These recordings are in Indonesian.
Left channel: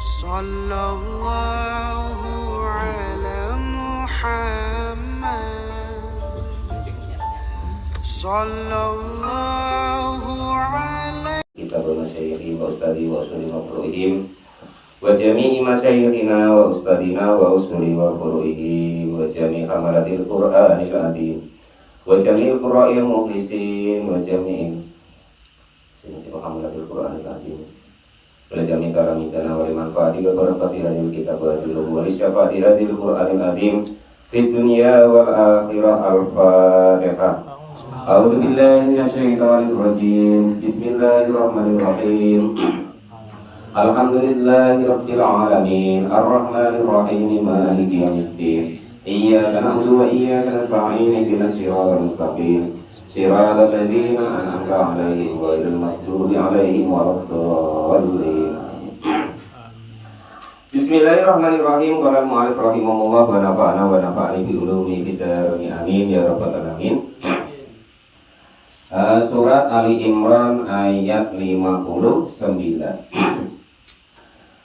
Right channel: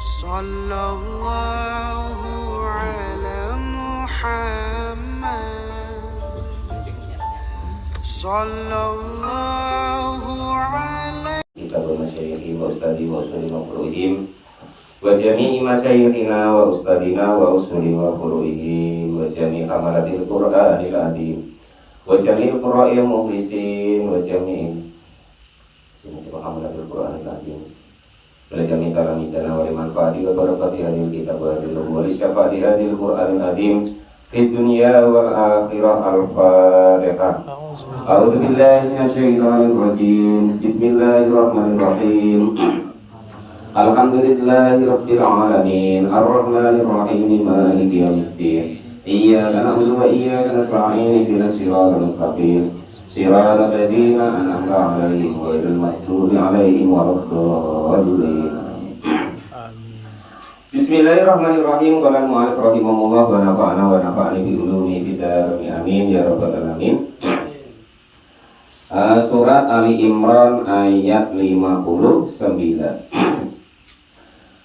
Sallallahu ala Muhammad. Sallallahu ala Kita bermasyayikhi wa ustadi wa usuli wa furu'ihim wa jami'i masyayikhina wa ustadina wa usuli wa furu'ihim wa jami'i hamalatil qur'anil azim wa jami'il qurra'il muhlisin wa jami'i hamalatil qur'anil azim wa jami'i talamidana wa limanfaati wa barakati hadil kitab wa hadil wa lisyafaati hadil qur'anil azim fid dunya wal akhirah. Al-Fatihah. A'udzu billahi minasyaitonir rajim. Bismillahirrahmanirrahim. Alhamdulillahi rabbil alamin. Arrahmanir rahim. Maliki yaumiddin. Iyyaka na'budu wa iyyaka nasta'in. Ihdinas siratal mustaqim. Siratal ladzina an'amta 'alaihim ghairil maghdubi 'alaihim waladdallin. Bismillahirrahmanirrahim. Qala al-mu'allif rahimahullah wa nafa'ana wa nafa'ani bi ulumi bidarni amin ya rabbal alamin. Surat Ali Imran ayat 59.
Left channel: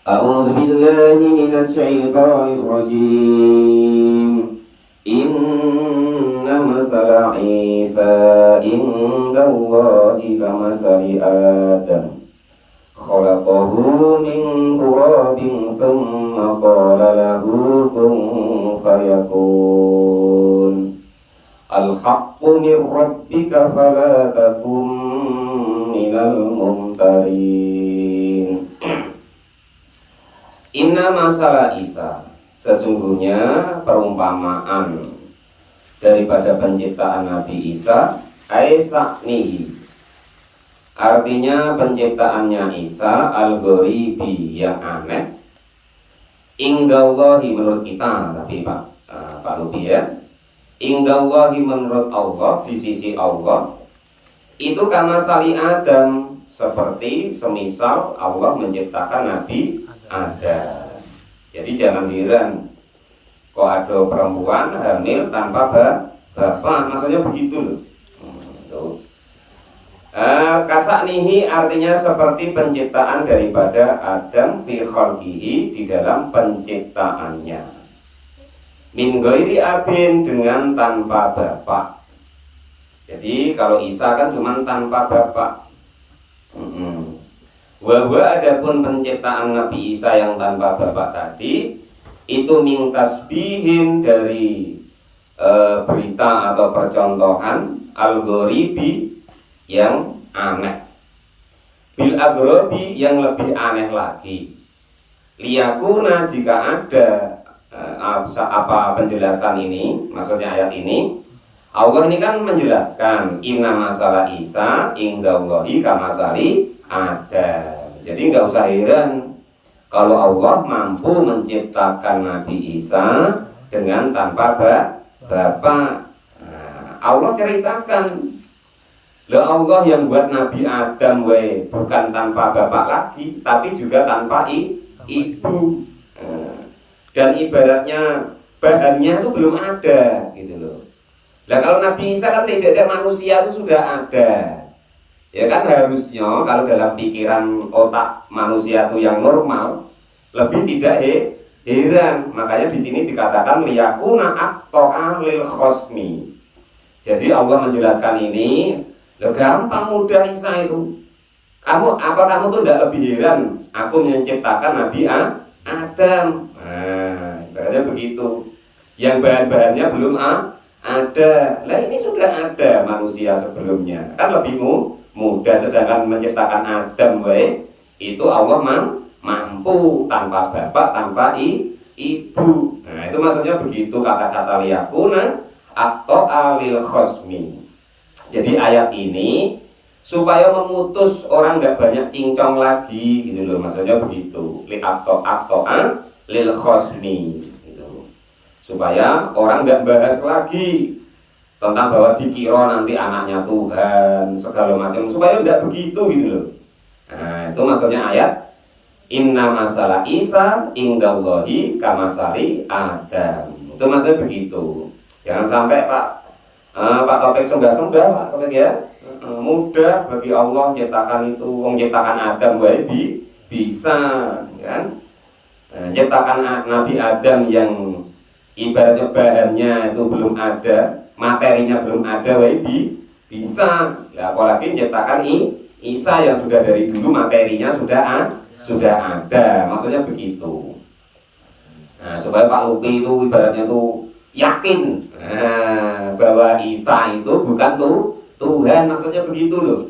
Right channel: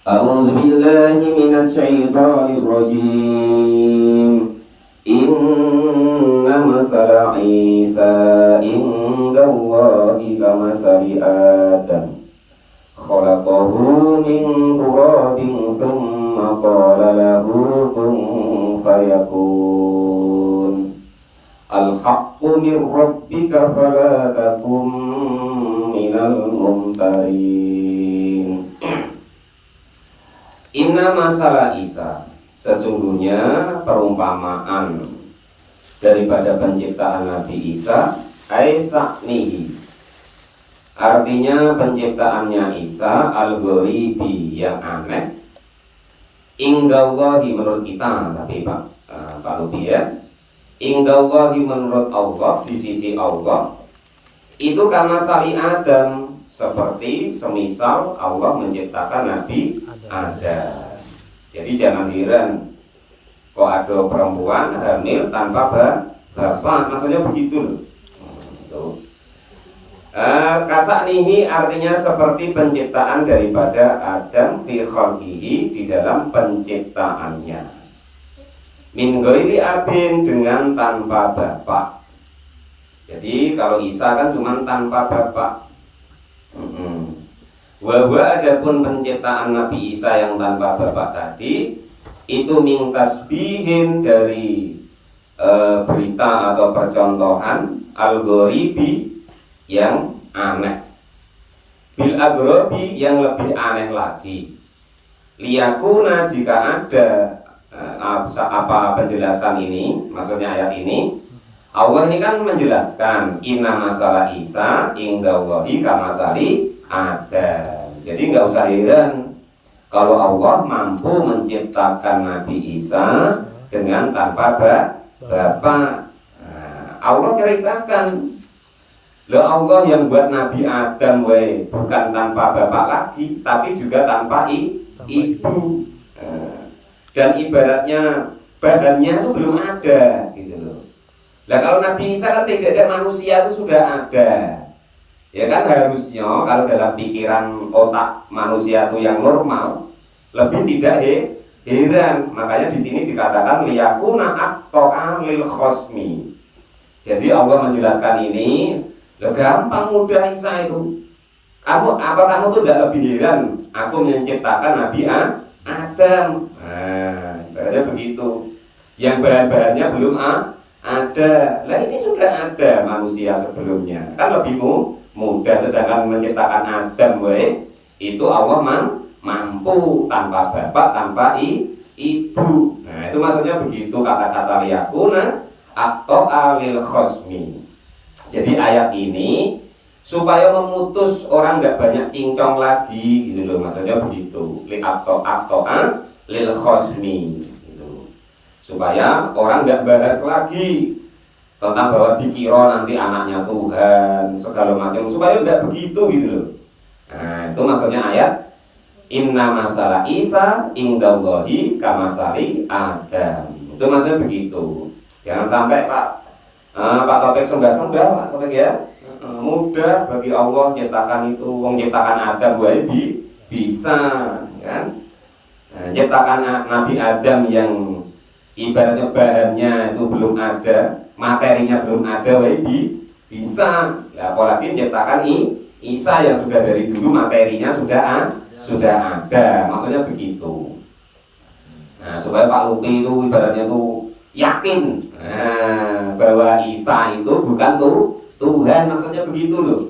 A'udzu billahi minasy syaithanir rajim. Inna masala Isa indallahi kamasali Adam. Khalaqahu min turabin thumma qala lahu kun fayakun. Al-haqqu min rabbika fala takum minal mumtarin. Inna masalah Isa, sesungguhnya perumpamaan daripada penciptaan Nabi Isa aisaknihi, artinya penciptaannya Isa al-ghoribi, yang aneh, ingdallahi, menurut kita, tapi Pak Lubi ya, ingdallahi, menurut Allah, di sisi Allah, itu kama sali Adam, seperti semisal Allah menciptakan Nabi Adam. Jadi jangan heran kok ada perempuan hamil tanpa bapak, maksudnya begitu loh. Kasaknihi artinya seperti penciptaan daripada Adam fi khalqihi, di dalam penciptaannya. Min ghairi abin, dengan tanpa bapak. Jadi kalau Isa kan cuma tanpa bapak. Wa adapun penciptaan Nabi Isa yang tanpa bapak tadi itu min tasbihin, dari berita atau percontohan al-ghoribi, yang aneh, bil agrobi, yang lebih aneh lagi. Liyakuna, jika ada apa penjelasan ini, maksudnya ayat ini, Allah ini kan menjelaskan inna masalah Isa indallahi kamasali Adam. Jadi nggak usah heran kalau Allah mampu menciptakan Nabi Isa dengan tanpa bapak. Allah ceritakan, loh, Allah yang buat Nabi Adam bukan tanpa bapak lagi, tapi juga tanpa ibu. Dan ibaratnya bahannya itu belum ada gitu loh. Nah kalau Nabi Isa kan setidaknya manusia itu sudah ada. Ya kan harusnya kalau dalam pikiran otak manusia itu yang normal lebih tidak heran. Makanya di sini dikatakan liyakuna at-ta'a lil khosmi. Jadi Allah menjelaskan ini, loh, gampang mudah Isa itu. Kamu tuh tidak lebih heran aku menciptakan Nabi Adam. Berarti begitu. Yang bahan-bahannya belum ada. Lah ini sudah ada manusia sebelumnya. Kan lebih mudah, sedangkan menciptakan Adam itu Allah mampu tanpa bapak, tanpa ibu. Nah, itu maksudnya begitu kata-kata liyakuna atau alil khosmi. Jadi ayat ini supaya memutus orang nggak banyak cincong lagi gitu loh, maksudnya begitu. Li atau lil khosmi gitu. Supaya orang nggak bahas lagi tentang bahwa dikira nanti anaknya Tuhan segala macam, supaya nggak begitu gitu loh. Nah, itu maksudnya ayat inna masalah Isa indallahi kamasali Adam. Itu maksudnya begitu. Jangan sampai Pak Taufik sembah-sembah, Pak Taufik ya. Mudah bagi Allah ciptakan itu, menciptakan Adam bisa kan. ciptakan Nabi Adam yang ibaratnya bahannya itu belum ada, materinya belum ada, bisa. Nah, apalagi ciptakan Isa yang sudah dari dulu materinya sudah ada, maksudnya begitu. Nah, supaya Pak Lupi itu ibaratnya itu yakin bahwa Isa itu bukan Tuhan, maksudnya begitu loh.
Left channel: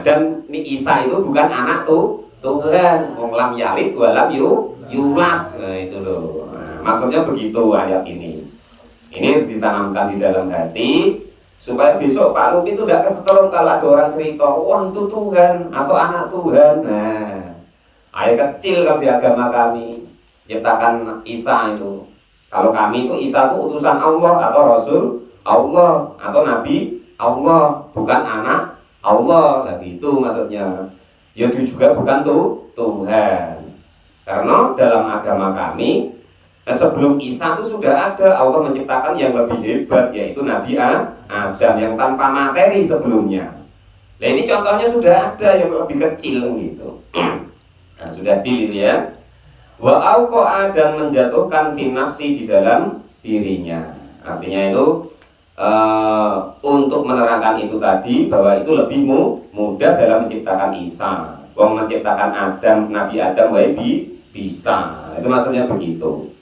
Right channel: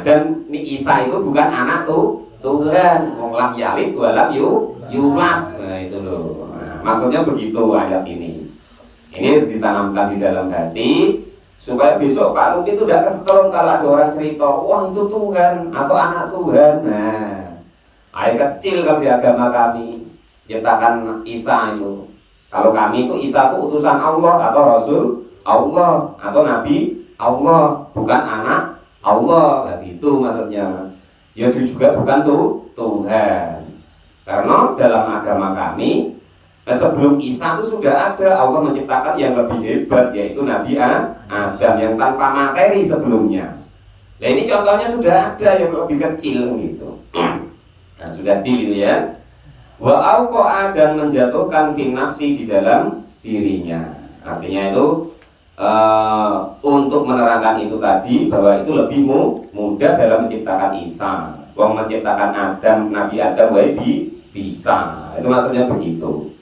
Dan Isa itu bukan anak Tuhan, lam yalid walam yulad. Nah, itu loh. Maksudnya begitu ayat ini. Ini ditanamkan di dalam hati supaya besok Pak Lupi itu tidak kesetrum kalau ada orang cerita, wah itu Tuhan atau anak Tuhan. Nah, ayat kecil kalau di agama kami ciptakan Isa itu. Kalau kami itu Isa itu utusan Allah atau Rasul Allah atau Nabi Allah, bukan anak Allah. Nah, itu maksudnya. Ya itu juga bukan Tuhan. Karena dalam agama kami sebelum Isa itu sudah ada Allah menciptakan yang lebih hebat, yaitu Nabi Adam yang tanpa materi sebelumnya. Nah ini contohnya sudah ada yang lebih kecil gitu. Nah, sudah gitu ya. Wa auqa'a dan menjatuhkan fi nafsi di dalam dirinya. Artinya itu untuk menerangkan itu tadi bahwa itu lebih mudah dalam menciptakan Isa. Wong menciptakan Adam, Nabi Adam bisa. Itu maksudnya begitu.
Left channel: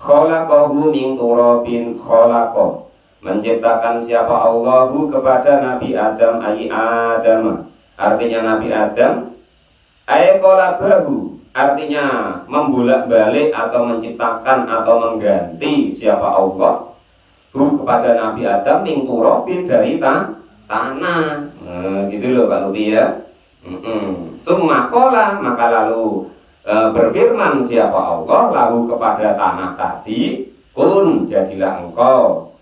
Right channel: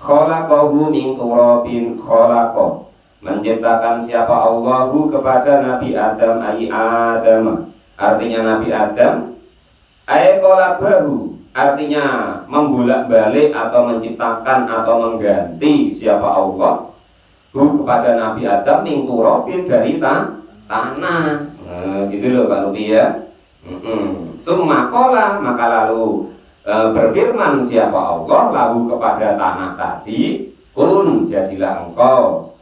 Khalaqahu min turabin khalaqah. Menciptakan siapa Allahu kepada Nabi Adam ai Adam. Artinya Nabi Adam ai qalabahu. Artinya membolak-balik atau menciptakan atau mengganti siapa Allah kepada Nabi Adam min turabin dari tanah. Gitu loh Pak Lupi ya. Summa qala, maka lalu berfirman siapa Allah lalu kepada tanah tadi, kun jadilah engkau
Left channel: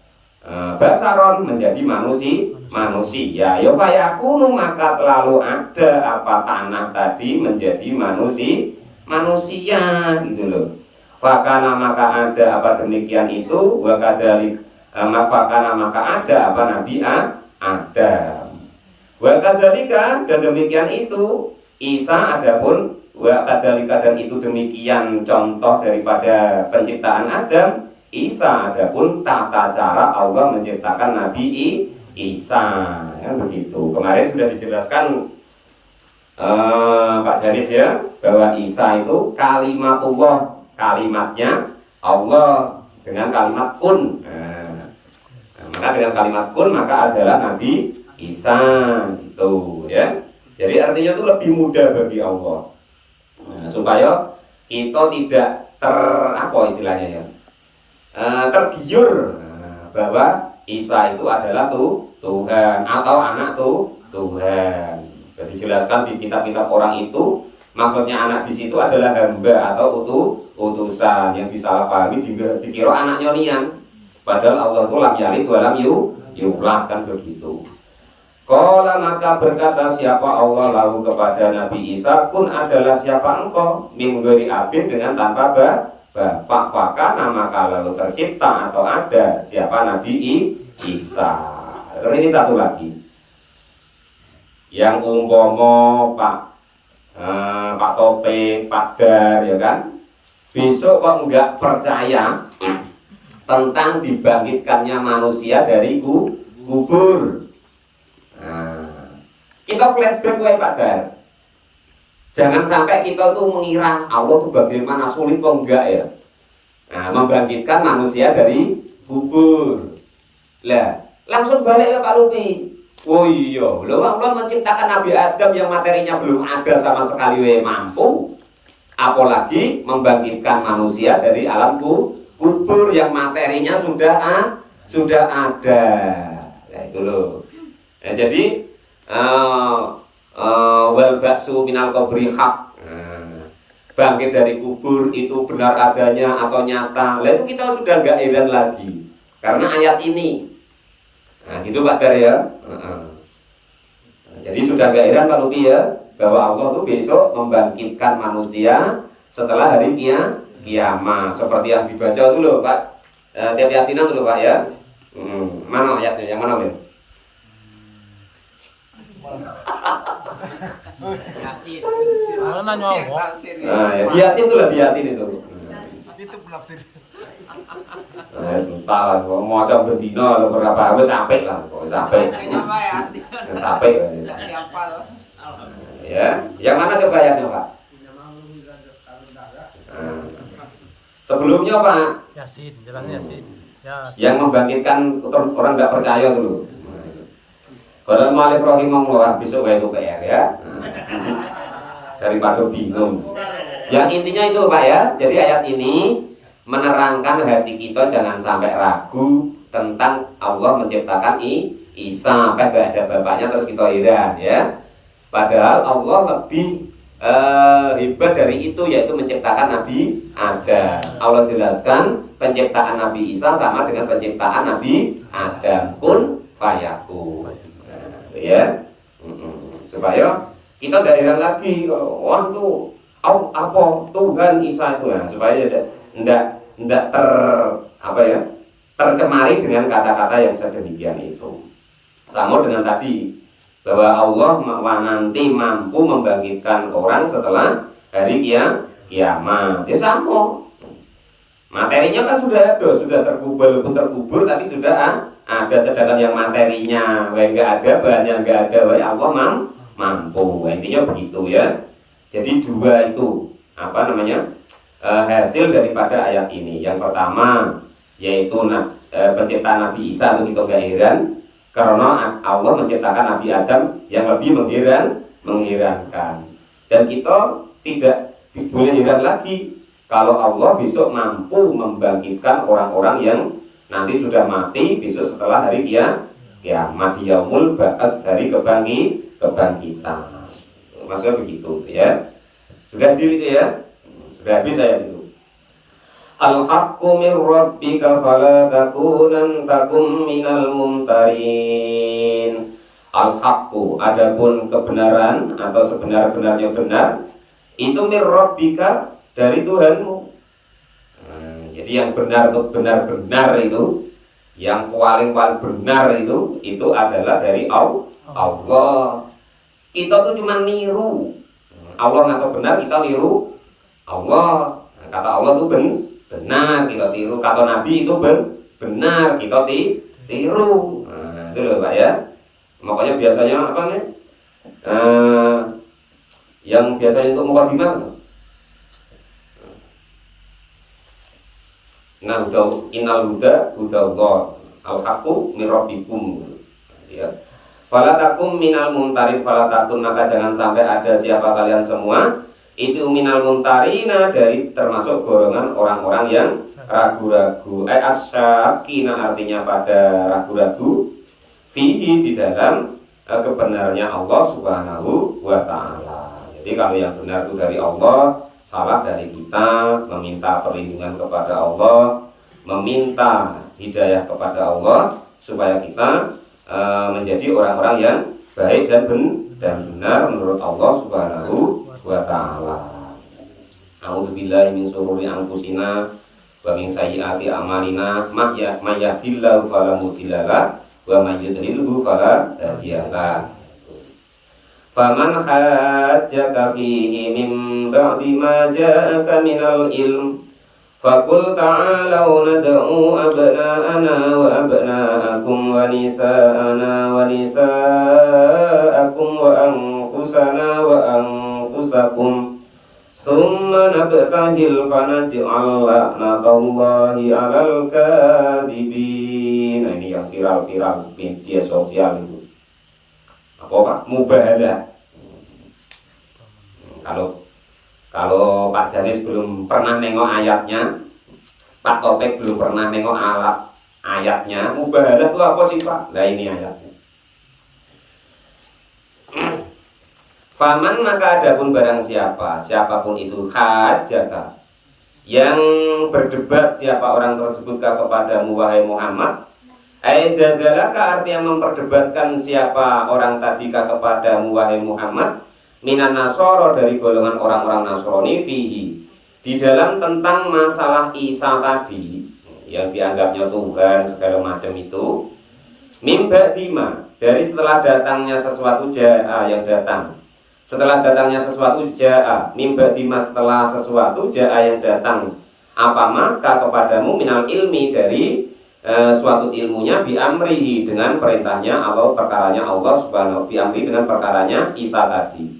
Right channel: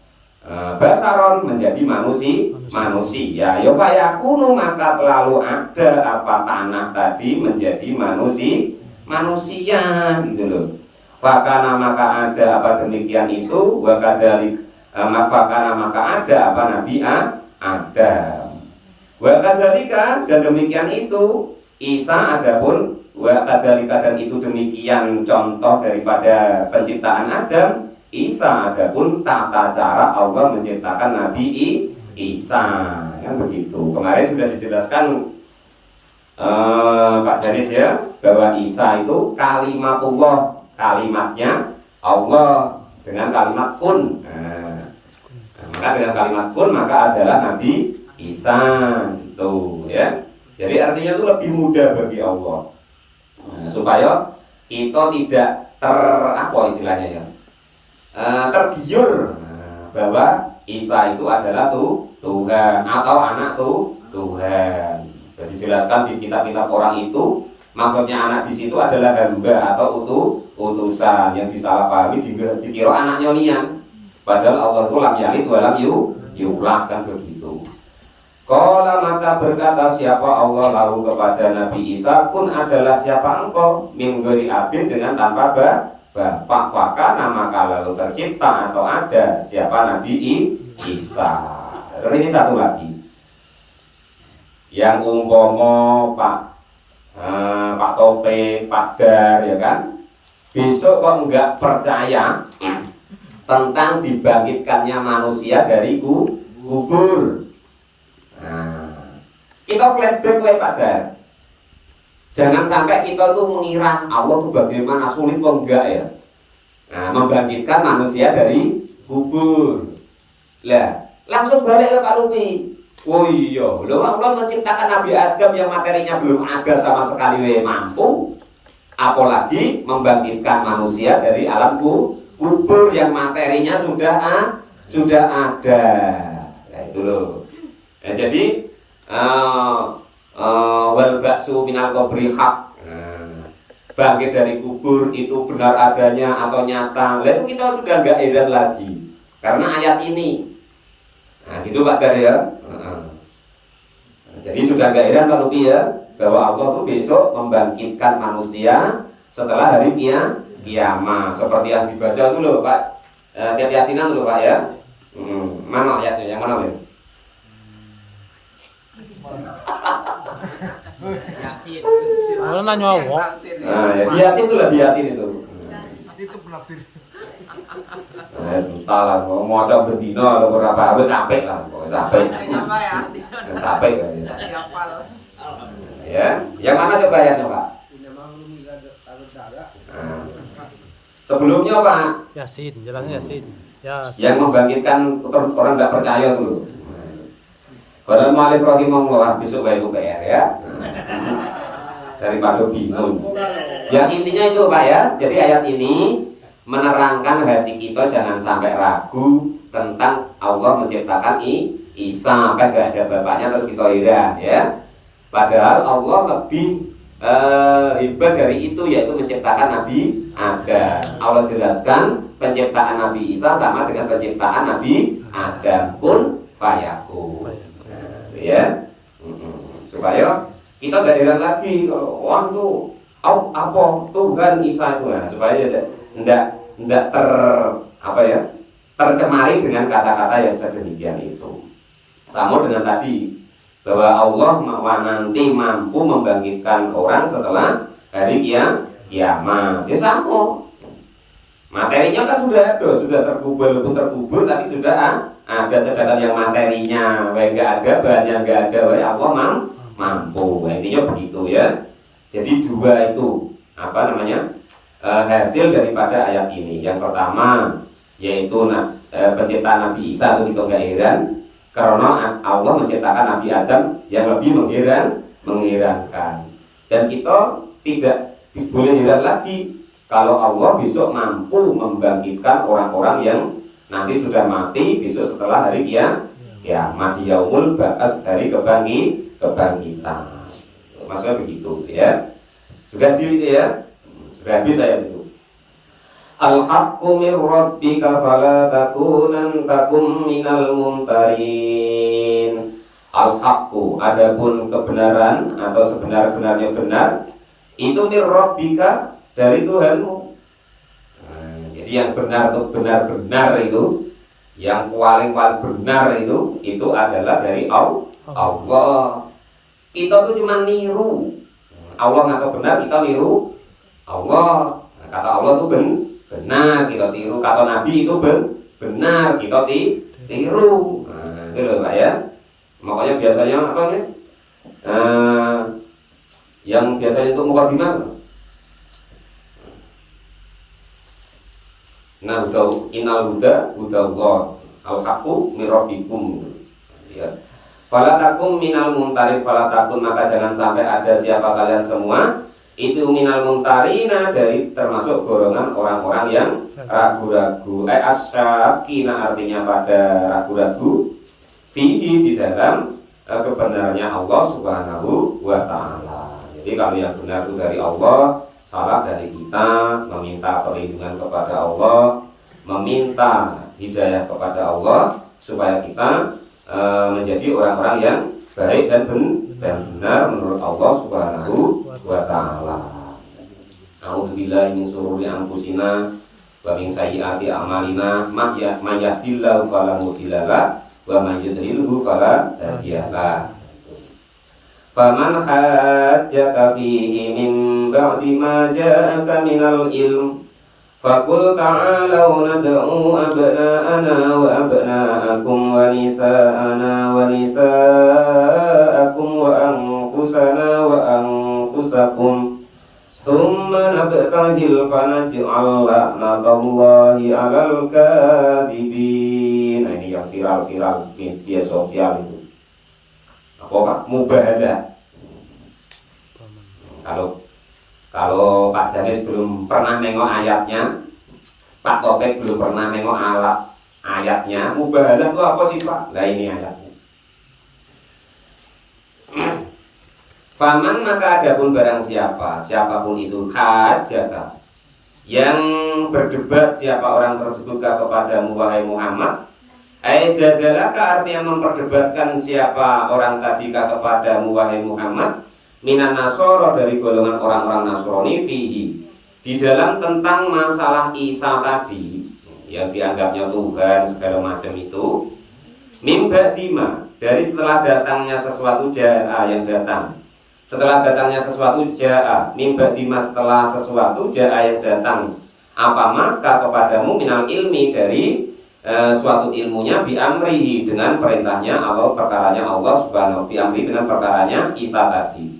basaron menjadi manusia. Ya fayakunu maka lalu ada apa tanah tadi menjadi manusia gitu loh. Fakana maka ada apa demikian itu, wakadalik fakana maka ada apa Nabi Adam. Wakadalika dan demikian itu Isa adapun wakadalika dan itu demikian contoh daripada penciptaan Adam. Isa adapun tata cara Allah menciptakan Nabi Isa, yang begitu. Kemarin sudah dijelaskan Pak Janis ya bahwa Isa itu kalimatullah, kalimatnya Allah dengan kalimat kun. Maka dengan kalimat kun maka adalah Nabi Isa itu ya. Jadi artinya itu lebih mudah bagi Allah. Supaya kita tidak apa istilahnya ya, tergiur bahwa Isa itu adalah Tuhan atau anak Tuhan. Jadi jelaskan di kitab-kitab orang itu maksudnya anak di situ adalah hamba atau utusan yang disalahpahami dikira anaknya lian. Padahal Allah itu lam yalid wa lam yulad kan begitu. Qala maka berkata siapa Allah lalu kepada Nabi Isa, kun adalah siapa engkau min ghairi abin dengan tanpa bapak, fakana maka lalu tercipta atau ada siapa Nabi Isa. Dan ini satu lagi yang umpama Pak Tope, Pak Dar ya kan, besok kok enggak percaya tentang dibangkitkannya manusia dari kubur. Kita flashback Pak Dar. Jangan sampai kita tuh mengira Allah tuh bagaimana sulit kok enggak ya. Membangkitkan manusia dari kubur. Lah, langsung balik ke Pak Lupi. Oh iya, Allah menciptakan Nabi Adam yang materinya belum ada sama sekali mampu. Apalagi membangkitkan manusia dari alam kubur yang materinya sudah ada. Nah, itu loh. Nah, jadi wal ba'su minal qabri haq. Bangkit dari kubur itu benar adanya atau nyata. Lalu kita sudah enggak heran lagi karena ayat ini. Nah, gitu Pak Dar ya. Jadi sudah enggak heran Pak Lupi ya bahwa Allah tuh besok membangkitkan manusia setelah hari kiamat. Seperti yang dibaca itu loh Pak. Tiap Yasinan dulu Pak ya. Mana ayatnya? Yang mana, Min? Yasin. Kalau nanya Yang apa? tafsir. Nah, ya Yasin itu lah Yasin itu. Itu penafsir. Nah, entahlah, mau coba berdino atau berapa harus sampai lah, sampai, Artinya apa ya artinya? sampai. Dihafal. Ya, yang mana coba ya coba? Nah, sebelumnya Pak, Yasin, jelas Yasin. Yasin. yang membangkitkan orang nggak percaya dulu. Kalau mau alif rahimahullah besok itu PR ya. Daripada bingung. Yang intinya itu Pak ya. Jadi ayat ini menerangkan hati kita jangan sampai ragu tentang Allah menciptakan Isa, kan gak ada bapaknya terus kita heran ya. Padahal Allah lebih hebat dari itu, yaitu menciptakan Nabi Adam. Allah jelaskan penciptaan Nabi Isa sama dengan penciptaan Nabi Adam, kun fayakun. Ya, supaya kita tidak heran lagi wah itu apa Tuhan Isa itu, nah, supaya tidak tercemari dengan kata-kata yang sedemikian itu. Sama dengan tadi bahwa Allah nanti mampu membangkitkan orang setelah hari kiamat. Ya sama. Materinya kan sudah ada, sudah terkubur, tapi sudah ada, sedangkan yang materinya nggak ada, bahannya nggak ada, Allah mampu. Intinya begitu ya. Jadi dua itu hasil daripada ayat ini. Yang pertama yaitu penciptaan Nabi Isa itu kita nggak heran karena Allah menciptakan Nabi Adam yang lebih mengherankan. Dan kita tidak boleh heran lagi kalau Allah besok mampu membangkitkan orang-orang yang nanti sudah mati besok setelah hari kiamat, yaumul ba'ats, hari kebangkitan. Maksudnya begitu ya. Sudah deal itu ya. Sudah habis saya itu. Al-haqqu min rabbika fala takum minal mumtarin. Al-haqqu, adapun kebenaran atau sebenar-benarnya benar itu min rabbika, dari Tuhanmu. Jadi yang benar itu benar-benar itu, yang paling benar itu adalah dari Allah. Kita tuh cuma niru. Allah ngaku benar, kita niru Allah. Kata Allah itu benar, kita tiru. Kata Nabi itu benar, kita tiru. Nah, itu loh Pak ya. Makanya biasanya apa nih? Yang biasanya itu mukadimah. Nah, innal huda Allah, al-haqqu min rabbikum. Ya. Fala takum minal mumtarin, fala takun, maka jangan sampai ada siapa kalian semua itu minal mumtarina, dari termasuk golongan orang-orang yang ragu-ragu. Asyakina, artinya pada ragu-ragu fihi, di dalam kebenarannya Allah Subhanahu wa taala. Jadi kalau yang benar itu dari Allah, salah dari kita, meminta perlindungan kepada Allah, meminta hidayah kepada Allah supaya kita menjadi orang-orang yang baik dan benar menurut Allah Subhanahu wa taala. A'udzubillahi min syururi anfusina wa min sayyiati a'malina, may yahdihillahu fala mudilla lahu wa may yudlilhu fala hadiya lahu. Faman hajjaka fihi min ba'di ma ja'aka minal ilm faqul ta'alau nad'u abna'ana wa abna'akum wa nisa'ana wa nisa'akum wa anfusana wa anfusakum thumma nabtahil fanaj'al la'natallahi 'alal kadhibin. Nah, ini yang viral-viral media sosial itu. Apa Pak? Mubahalah. Kalau Pak Janis belum pernah nengok ayatnya, Pak Topik belum pernah nengok ayatnya, mubahalah itu apa sih Pak? Nah ini ayatnya. Faman, maka adapun barang siapapun itu hajjaka, yang berdebat siapa orang tersebut kepadamu wahai Muhammad, jadalaka, artinya memperdebatkan siapa orang tadi kepadamu wahai Muhammad, minan nasoro, dari golongan orang-orang Nasrani, fihi, di dalam tentang masalah Isa tadi yang dianggapnya Tuhan segala macam itu, mimba dima, dari setelah datangnya sesuatu yang datang, Setelah datangnya sesuatu jaa mimba dima, setelah sesuatu jaa yang datang apa maka kepadamu minal ilmi dari suatu ilmunya biamrihi dengan perintahnya atau perkaranya Allah subhanahu biamri dengan perkaranya Isa tadi.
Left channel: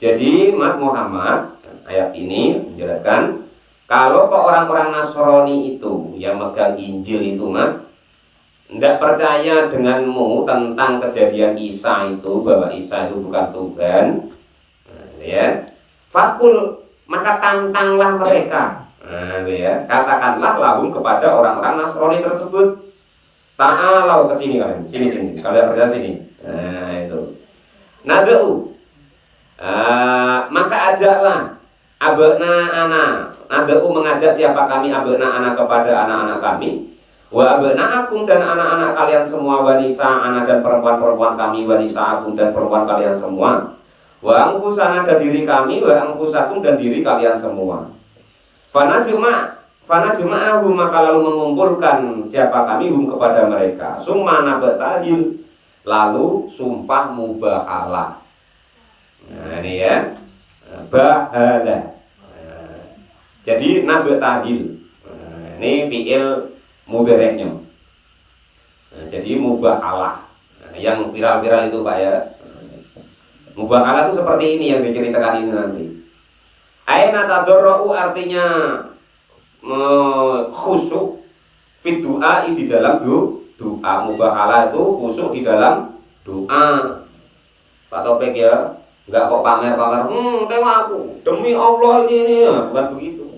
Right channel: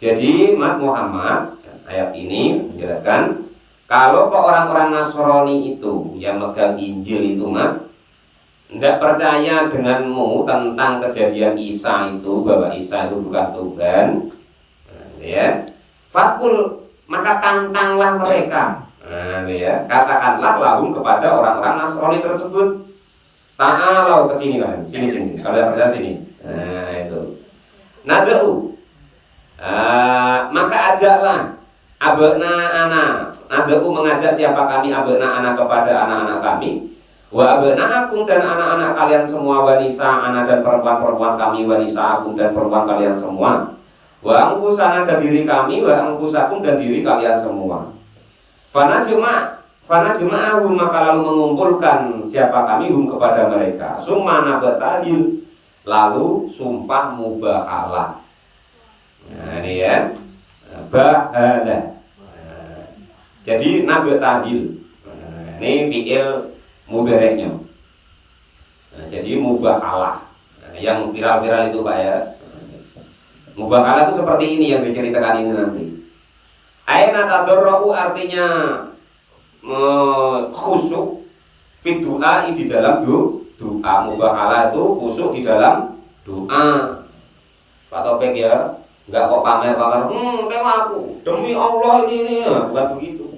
Jadi Muhammad ayat ini menjelaskan kalau kok orang-orang Nasrani itu yang megang Injil itu tidak percaya denganmu tentang kejadian Isa itu, bahwa Isa itu bukan Tuhan, ya, fakul maka tantanglah mereka. Ya, katakanlah lahum kepada orang-orang Nasrani tersebut, ta'alau ke sini kalian, sini, kalian percaya sini. Nah itu. Nadau. Maka ajaklah abna ana. Nadau mengajak siapa kami abna ana kepada anak-anak kami. Wa abna akum dan anak-anak kalian semua, wanisa anak dan perempuan-perempuan kami, wanisa akum dan perempuan kalian semua. Wa angfusana dan diri kami, wa angfusakum dan diri kalian semua. Fana juma'ahu maka lalu mengumpulkan siapa kami hum kepada mereka. Summa nabatahil lalu sumpah mubahalah. Nah ini ya, bahala. Jadi nabatahil. Ini fiil mudhareknya. Jadi mubahalah. Yang viral-viral itu Pak ya. Mubahalah itu seperti ini yang diceritakan ini nanti. Aina tadarru artinya khusyuk fi doa di dalam doa. Mubahalah itu khusyuk di dalam doa. Pak Topik ya, enggak kok pamer-pamer, tengok aku demi Allah ini ya, bukan begitu.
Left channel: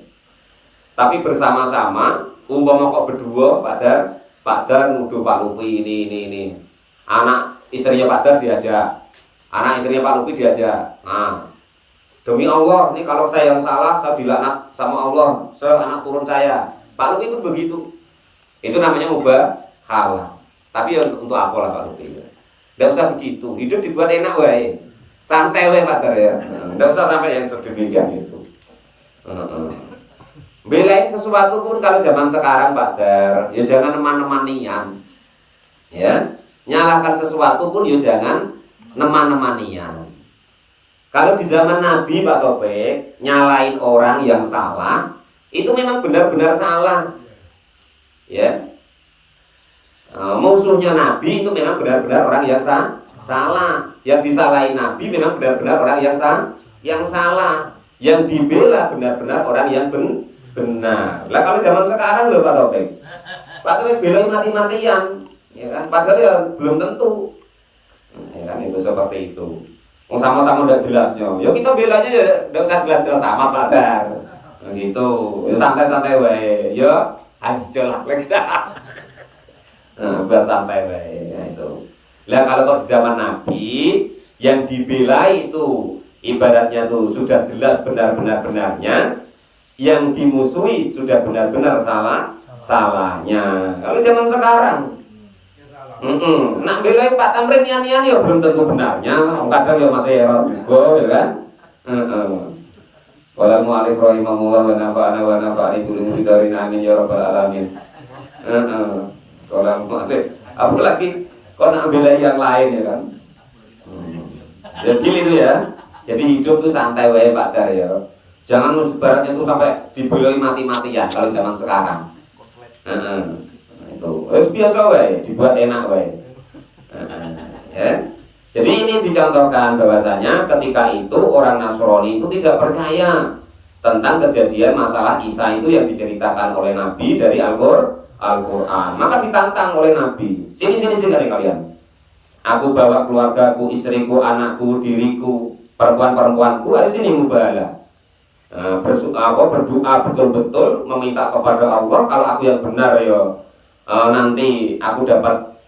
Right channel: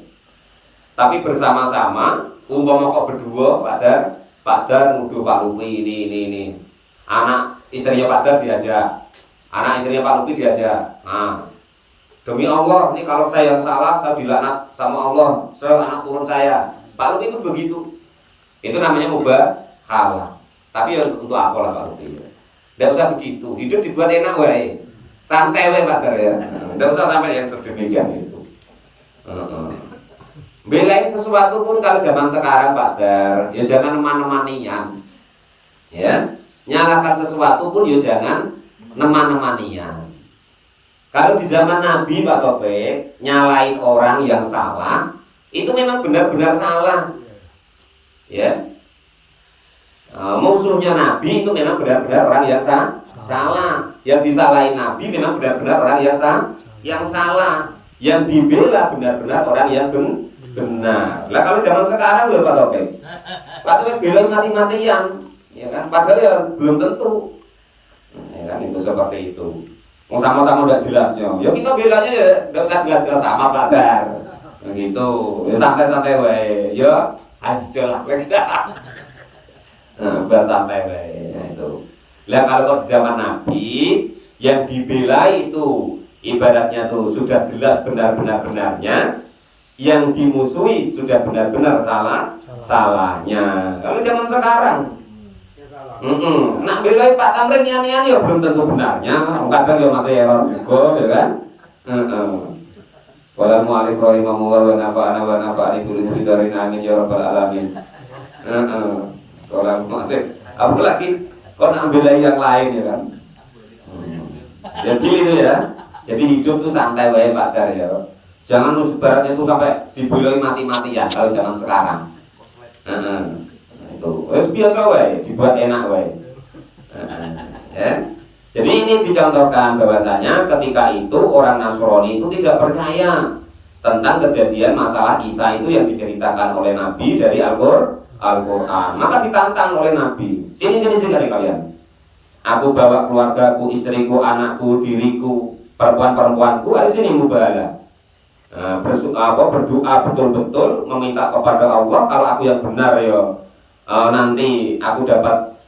Tapi bersama-sama, umpama kok berdua, Pak Dar nuduh Pak Lupi ini. Anak istrinya Pak Dar diajak, anak istrinya Pak Lupi diajak. Nah, demi Allah, ini kalau saya yang salah, saya dilaknat sama Allah, anak turun saya. Pak Lupi itu begitu. Itu namanya mubahalah. Tapi untuk apa lah Pak Lupi? Tidak usah begitu. Hidup dibuat enak wae. Santai wae Pak Dar ya. Tidak usah sampai yang sedemikian itu. Belain sesuatu pun kalau zaman sekarang Pak Dar, ya jangan neman-nemanian. Ya, nyalahkan sesuatu pun ya jangan neman-nemanian. Kalau di zaman Nabi Pak Topik, nyalain orang yang salah, itu memang benar-benar salah. Ya. Musuhnya Nabi itu memang benar-benar orang yang salah. Yang disalahin Nabi memang benar-benar orang yang salah. Yang dibela benar-benar orang yang benar. Lah kalau zaman sekarang loh Pak Topik. Pak Topik belain mati-matian, ya kan? Padahal ya belum tentu. Ya kan itu seperti itu. Sama-sama udah jelasnya. Ya kita belanya ya enggak usah jelas-jelas sama Pak Dar. Begitu. Ya santai-santai wae. Ya aja lah kita. Bersantai wae ya itu. Lah kalau kok di zaman Nabi yang dibela itu ibaratnya tuh sudah jelas benar-benarnya, yang dimusuhi sudah benar-benar salahnya. Kalau zaman sekarang nak belain Pak Tamrin nian-nian ya belum tentu benarnya. Kadang ya masih error juga ya kan. Wala mu'alif rahimahullah wa nafa'ana wa nafa'ani kulli muridin amin ya rabbal alamin. Wala mu'alif apalagi kau nak belain yang lain ya kan. Jadi itu ya. Jadi hidup tuh santai wae Pak Dar ya. Jangan sebaratnya itu sampai dibeloi mati-matian kalau zaman sekarang. Itu biasa wae, dibuat enak wae. Ya. Jadi ini dicontohkan bahwasanya ketika itu orang Nasrani itu tidak percaya tentang kejadian masalah Isa itu yang diceritakan oleh Nabi dari Al-Qur'an. Maka ditantang oleh Nabi. Sini kalian. Aku bawa keluargaku, istriku, anakku, diriku, perempuan-perempuanku, ayo sini mubahalah. Berdoa betul-betul meminta kepada Allah, kalau aku yang benar ya nanti aku dapat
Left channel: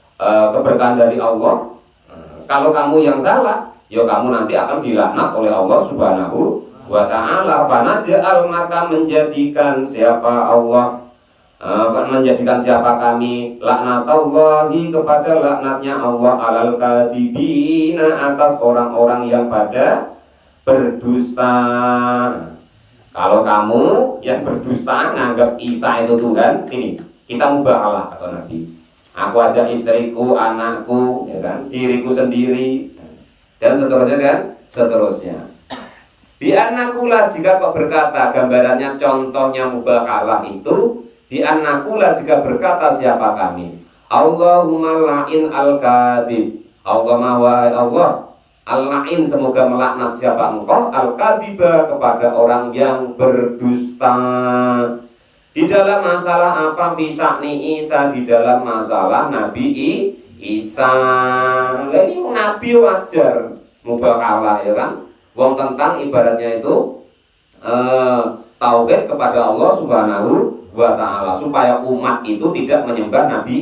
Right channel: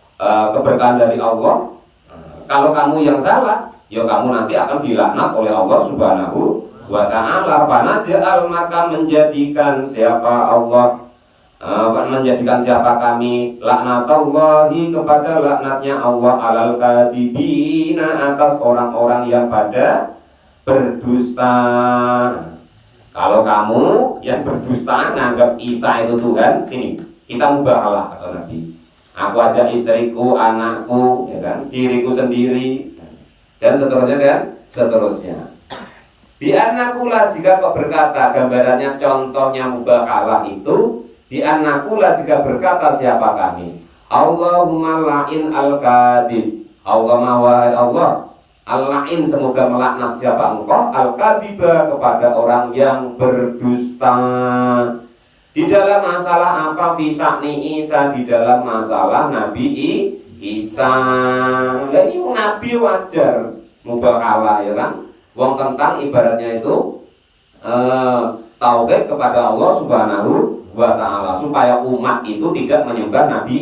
keberkahan dari Allah. Kalau kamu yang salah ya kamu nanti akan dilaknat oleh Allah Subhanahu wa ta'ala. Fanaj'al maka menjadikan siapa kami laknatullahi kepada laknatnya Allah alal kadibina atas orang-orang yang pada berdusta. Kalau kamu yang berdusta nganggap Isa itu Tuhan, sini kita mubahalah kata Nabi. Aku ajak istriku, anakku, ya kan, diriku sendiri dan seterusnya dan seterusnya. Bi annakula, jika kau berkata, gambarannya contohnya mubakalah itu, bi annakula, jika berkata siapa kami, Allahumma la'in al-kadhib, Allahumma wahai Allah, al-la'in, semoga melaknat siapa engkau, al-kadhiba, kepada orang yang berdusta. Di dalam masalah apa? Fisa'ni Isa, di dalam masalah Nabi Isa. Nah, ini Nabi wajar mubakalah, ya kan? Wong tentang ibaratnya itu tauhid kepada Allah Subhanahu wa Ta'ala, supaya umat itu tidak menyembah Nabi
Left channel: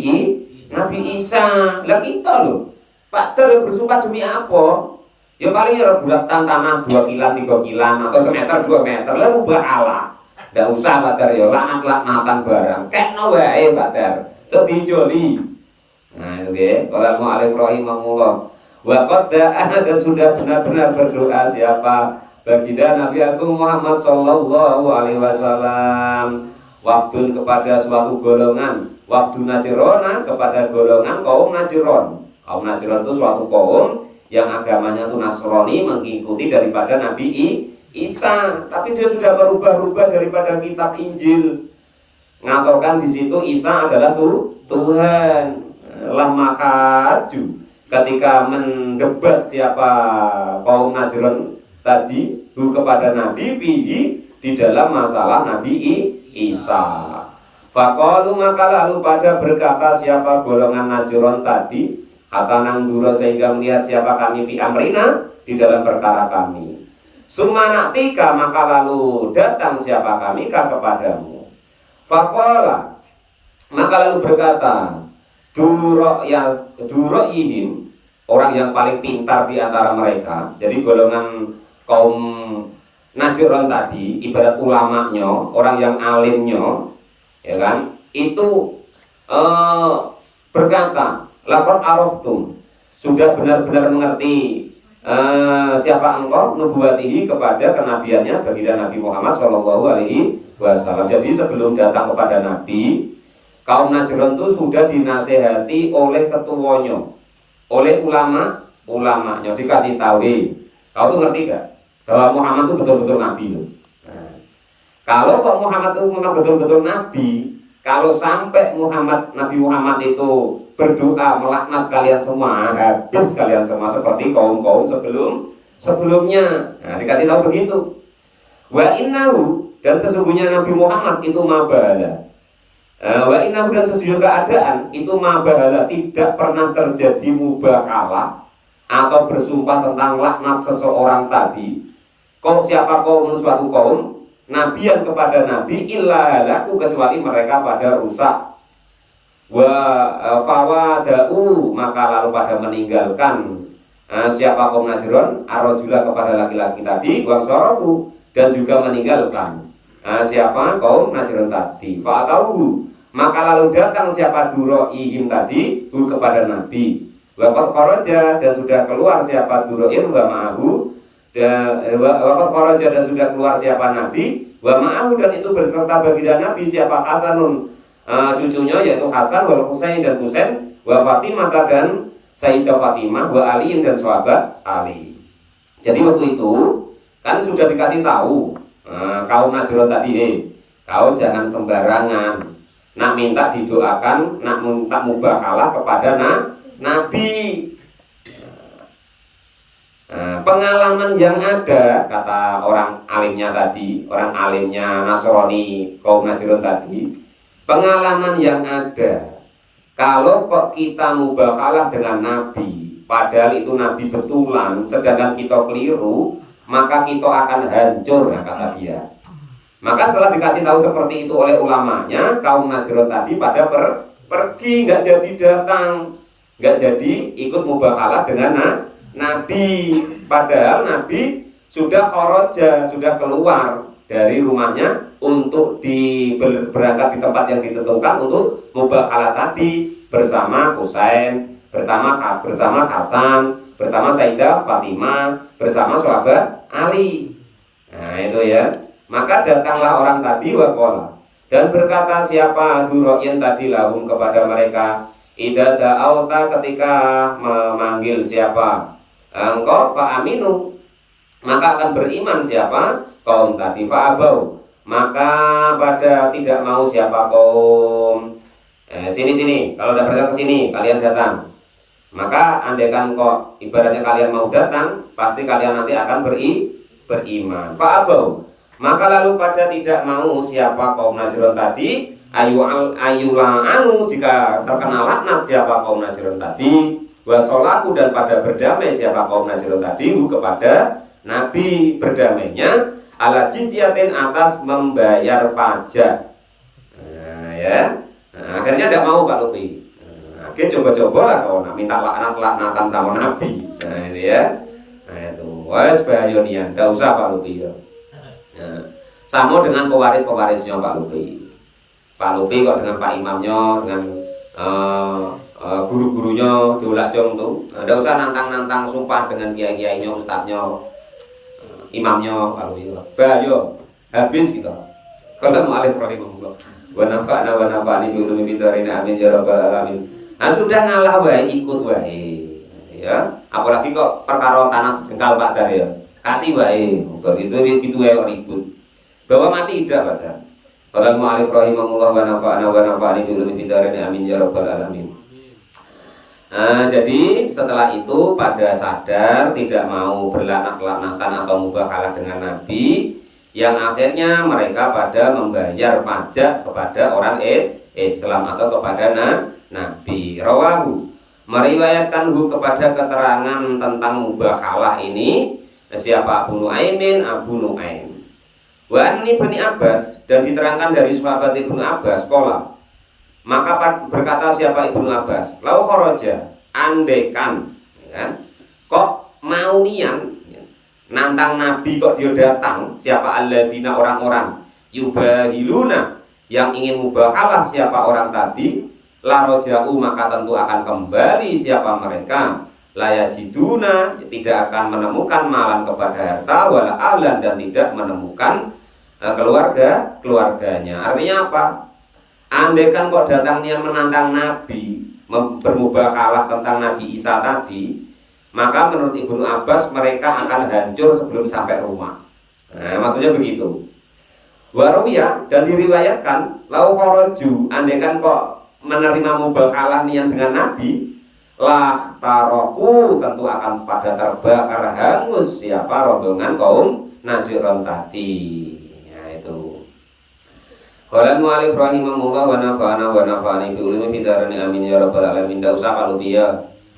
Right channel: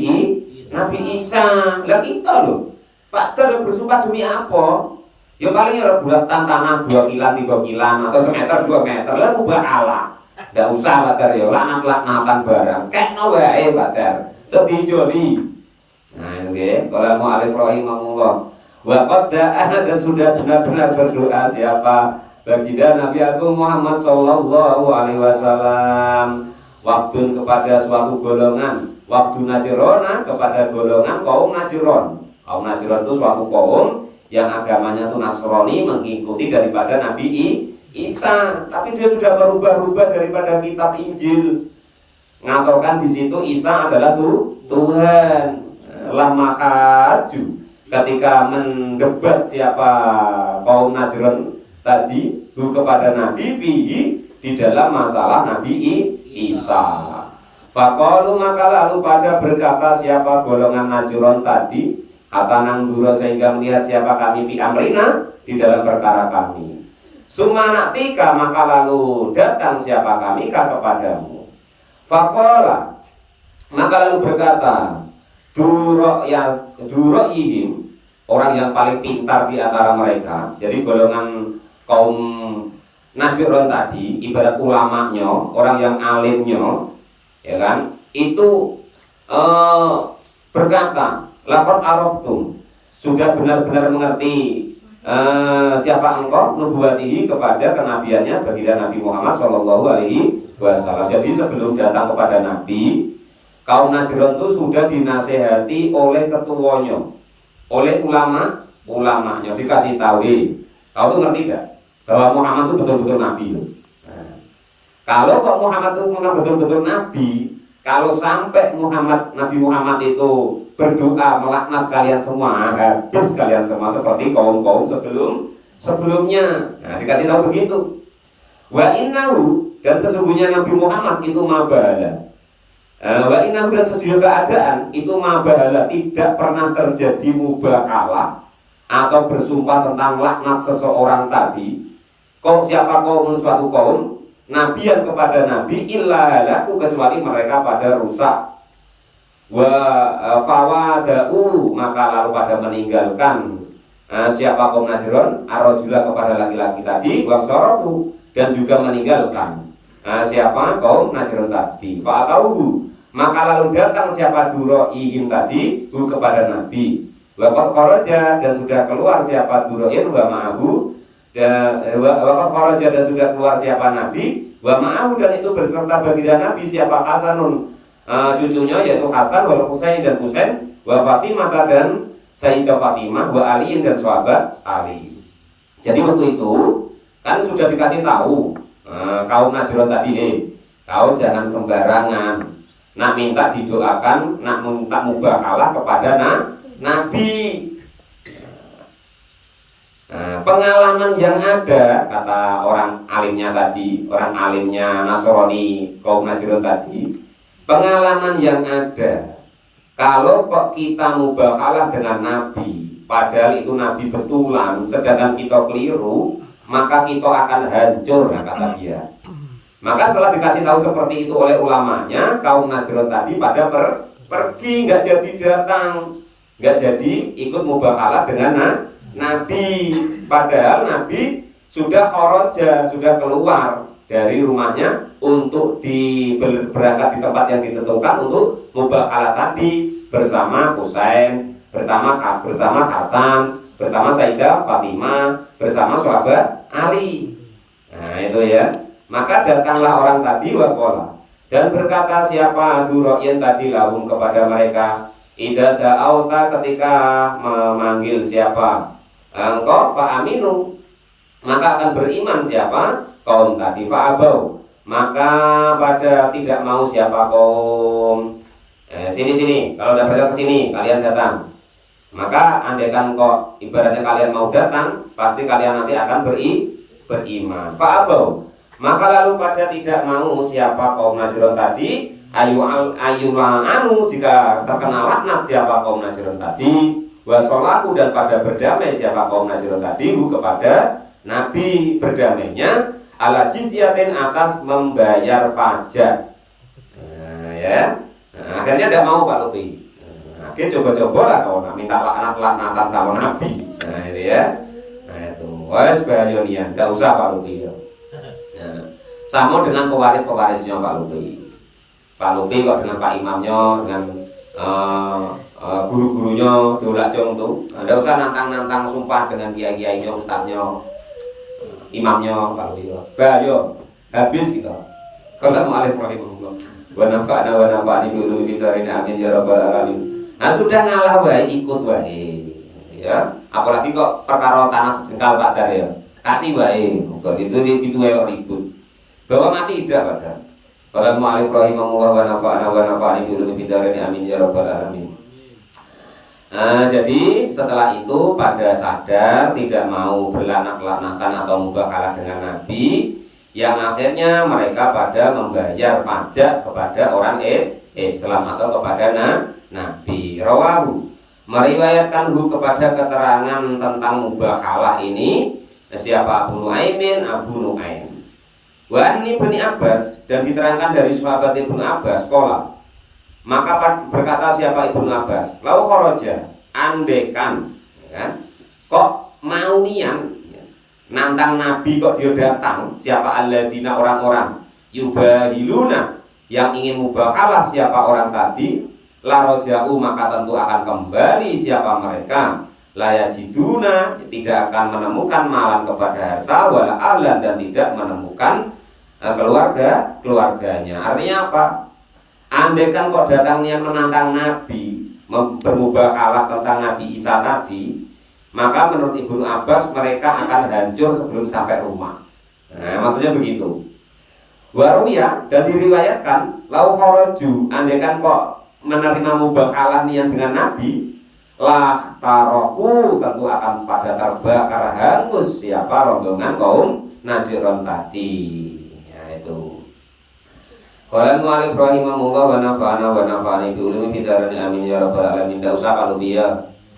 Isa. Lah kita loh, Pak Ter bersumpah demi apa? Ya paling ya buat tantangan 2 kilan 3 kilan atau semeter 2 meter, lalu ba'ala. Nggak usah Pak Ter ya, laknat-laknatan barang. Kekno wae Pak Ter, sedijoli. Nah ini kalau mau alif rahimahullah. Wa qad da'a, dan sudah benar-benar berdoa siapa baginda Nabi Agung Muhammad sallallahu alaihi wasallam, waftun, kepada suatu golongan, wafdu Najrona, kepada golongan kaum Najron. Kaum Najron itu suatu kaum yang agamanya itu Nasrani, mengikuti daripada Nabi Isa, tapi dia sudah berubah-ubah daripada kitab Injil, ngaturkan di situ Isa adalah Tuhan. Lama haju, ketika mendebat siapa kaum Najran tadi kepada Nabi fihi, di dalam masalah Nabi Isa. Faqalu, maka lalu pada berkata siapa golongan Najran tadi, kata nanggura, sehingga melihat siapa kami fi amrina, di dalam perkara kami. Sumanaktika, maka lalu datang siapa kami kepadamu. Faqala, maka lalu berkata Duro'ihim, orang yang paling pintar di antara mereka. Jadi golongan kaum Najron tadi ibarat ulamanya, orang yang alimnya, ya kan? Itu berkata, laqad araftum, sudah benar-benar mengerti siapa engkau, nubuatihi, kepada kenabiannya baginda Nabi Muhammad sallallahu alaihi wasallam. Jadi sebelum datang kepada Nabi, kaum Najron itu sudah dinasehati oleh ketuanya, oleh ulamanya, dikasih tahu, kau tuh ngerti gak bahwa Muhammad itu betul-betul Nabi. Nah, kalau kok Muhammad itu memang betul-betul Nabi, kalau sampai Nabi Muhammad itu berdoa melaknat kalian semua, habis kalian semua seperti kaum-kaum sebelumnya. Nah, dikasih tahu begitu. Wa innahu, dan sesungguhnya Nabi Muhammad itu mabahala. Wa innahu, dan sesungguhnya keadaan itu mabahala, tidak pernah terjadi mubakalah atau bersumpah tentang laknat seseorang tadi. Kau siapa kaum, suatu kaum nabian kepada nabi, illa halaku, kecuali mereka pada rusak. Wa fawada'u, maka lalu pada meninggalkan siapa kaum Najron, arojula, kepada laki-laki tadi, wa sarafu, dan juga meninggalkan siapa kaum Najron tadi. Fa'atauhu, maka lalu datang siapa Duro'ihim tadi kepada Nabi. Waqad kharaja, dan sudah keluar siapa Duro'in wa ma'ahu, dan waqad kharaja, dan sudah keluar siapa Nabi wa ma'ahu, dan itu berserta baginda Nabi siapa Hasanun, cucunya yaitu Hasan, wal Husain, dan Husain, wa Fatimah, dan Sayyidah Fatimah, wa Ali, dan sahabat Ali. Jadi waktu itu kan sudah dikasih tahu kaum Najron tadi, kau jangan sembarangan nak minta didoakan, nak minta mubakalah kepada Nabi. Pengalaman yang ada, kata orang alimnya tadi, orang alimnya Nasrani kaum Najron tadi, pengalaman yang ada, kalau kok kita mubakalah dengan Nabi, padahal itu Nabi betulan, sedangkan kita keliru, maka kita akan hancur, kata dia. Maka setelah dikasih tahu seperti itu oleh ulamanya, kaum Najron tadi pada pergi, nggak jadi datang, nggak jadi ikut mubakalah dengan Nabi. Padahal Nabi sudah kharaja, sudah keluar dari rumahnya untuk berangkat di tempat yang ditentukan untuk mubakalah tadi bersama Husain, bersama Hasan, bersama Sayyidah Fatimah, bersama sahabat Ali. Nah itu ya. Maka datanglah orang tadi waqala, dan berkata siapa Duro'in tadi lahum, kepada mereka, idza da'auta, ketika memanggil siapa engkau, fa aminu, maka akan beriman siapa kaum tadi. Fa'abau, maka pada tidak mau siapa kaum. Sini, kalau tidak percaya ke sini, kalian datang. Maka andaikan kok ibaratnya kalian mau datang, pasti kalian nanti akan beriman. Fa'abau, maka lalu pada tidak mau siapa kaum Najron tadi, ayula'anu, jika terkena laknat siapa kaum Najron tadi, wasolaku, dan pada berdamai siapa kaum Najron tadi kepada Nabi, berdamainya ala jizyatin, atas membayar pajak. Nah, ya. Nah, akhirnya tidak mau Pak Lupi. Nah, akhirnya coba-coba lah kalau nak minta laknatan sama Nabi. Nah itu ya. Nah itu, wes bayonian, tidak usah Pak Lupi. Nah, sama dengan pewaris-pewarisnya Pak Lupi. Pak Lupi kok dengan Pak Imamnya, dengan guru-gurunya dolak jong tuh. Tidak usah nantang-nantang sumpah dengan kiai-kiainya, ustadznya, imamnya Pak Lupi. Bayo, habis gitu. Kalau mau alif rahimahullah. Wa nafa'na wa nafa'ni bi ulumi darina amin ya rabbal alamin. Nah sudah ngalah wae, ikut wae. Ya, apalagi kok perkara tanah sejengkal Pak Dar ya. Kasih wae. Begitu ya ribut. Bahwa mati tidak pada. Qala mu'alif rahimahullah wa nafa'na wa nafa'ni bi ulumi darina amin ya rabbal alamin. Nah, jadi setelah itu pada sadar tidak mau berlaknat-laknatan atau mubakalah dengan Nabi, yang akhirnya mereka pada membayar pajak kepada orang Islam atau kepada Nabi. Rawahu, meriwayatkan kepada keterangan tentang mubakalah ini siapa? Abu Nu'aim. Wa ini Ibnu Abbas, dan diterangkan dari sahabat Ibnu Abbas qala, maka berkata siapa Ibnu Abbas, lau kharaja, andekan kan, kok mau nian nantang Nabi, kok dia datang siapa alladzina, orang-orang yubahiluna, yang ingin mubakalah siapa orang tadi, laroja'u, maka tentu akan kembali siapa mereka, layajiduna, tidak akan menemukan malan kepada harta, wala alan, dan tidak menemukan keluarganya. Artinya apa? Andaikan kok datangnya menantang Nabi, bermubakalah tentang Nabi Isa tadi, maka menurut Ibnu Abbas mereka akan hancur sebelum sampai rumah. Nah, maksudnya begitu. Waruya, dan diriwayatkan lau kharaju, andaikan kok menerima mubakalah niat dengan Nabi, lah taroku, tentu akan pada terbakar hangus siapa rombongan kaum Najron tadi. Nah itu. Qala mu'alif rahimahullah wa nafa'ana wa nafa'ani bi ulumi fidarani amin ya rabbal alamin. Tidak usah kalau dia,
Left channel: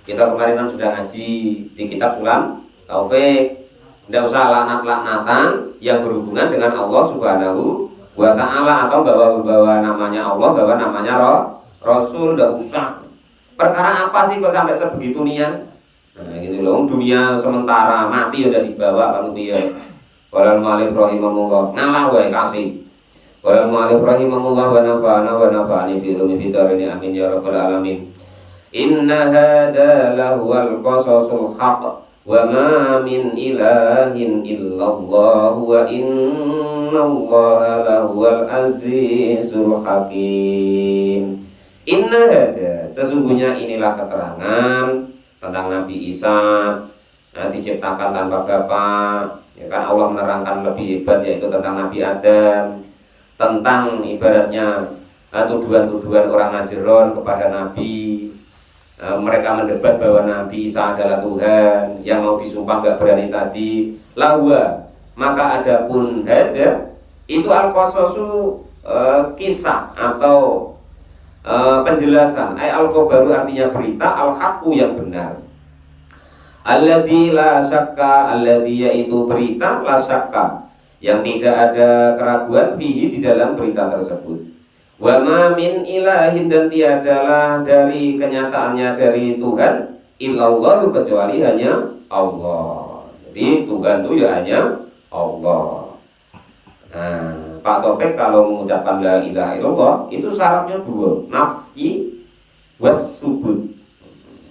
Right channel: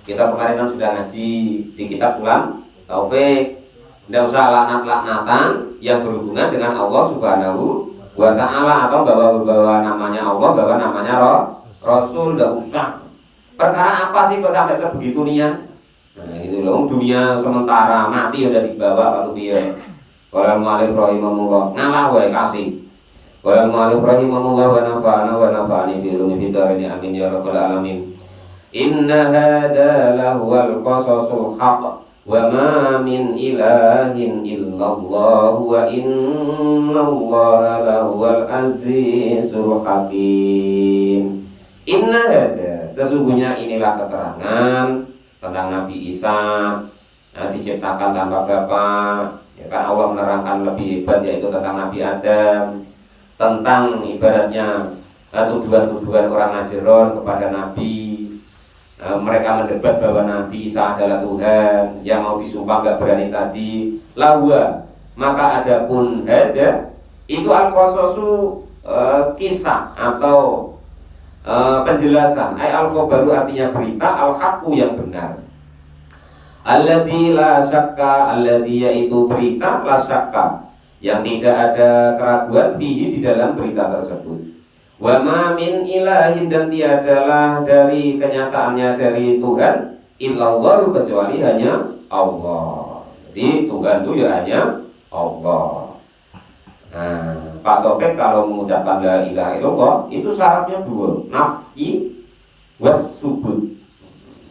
kita kemarin kan sudah ngaji di kitab Sulam Taufik. Tidak usah laknat-laknatan yang berhubungan dengan Allah Subhanahu wa ta'ala, atau bawa namanya Allah, bawa namanya Rasul. Tidak usah. Perkara apa sih kok sampai sebegitu nian? Nah gitu loh, dunia sementara, mati udah dibawa kalau dia. Qala mu'alif rahimahullah, ngalah wae kasih. Qala mu'alif rahimahullah wa nafa'ana wa nafa'ani bi ulumi fidarini amin ya rabbal alamin. Inna hadza lahuwal qasasul haqq wa ma min ilahin illallah wa innallaha lahuwal azizul hakim. Inna hadza, sesungguhnya inilah keterangan tentang Nabi Isa, diciptakan tanpa bapak. Ya kan, Allah menerangkan lebih hebat, yaitu tentang Nabi Adam, tentang ibaratnya tuduhan-tuduhan orang Najron kepada Nabi. Mereka mendebat bahwa Nabi Isa adalah Tuhan, yang mau disumpah gak berani tadi. Lawa, maka adapun hada itu al-qasasu, kisah atau penjelasan. Al-khabaru artinya berita, al-haqqu yang benar. Alladzi la syakka, alladzi yaitu berita, la syakka yang tidak ada keraguan fihi di dalam berita tersebut. Wa ma min ilahin, dan tiadalah dari kenyataannya dari Tuhan illallah, kecuali hanya Allah. Jadi Tuhan itu ya hanya Allah. Nah, Pak Topik kalau mengucapkan la ilaha illallah itu syaratnya dua, nafyi was subut.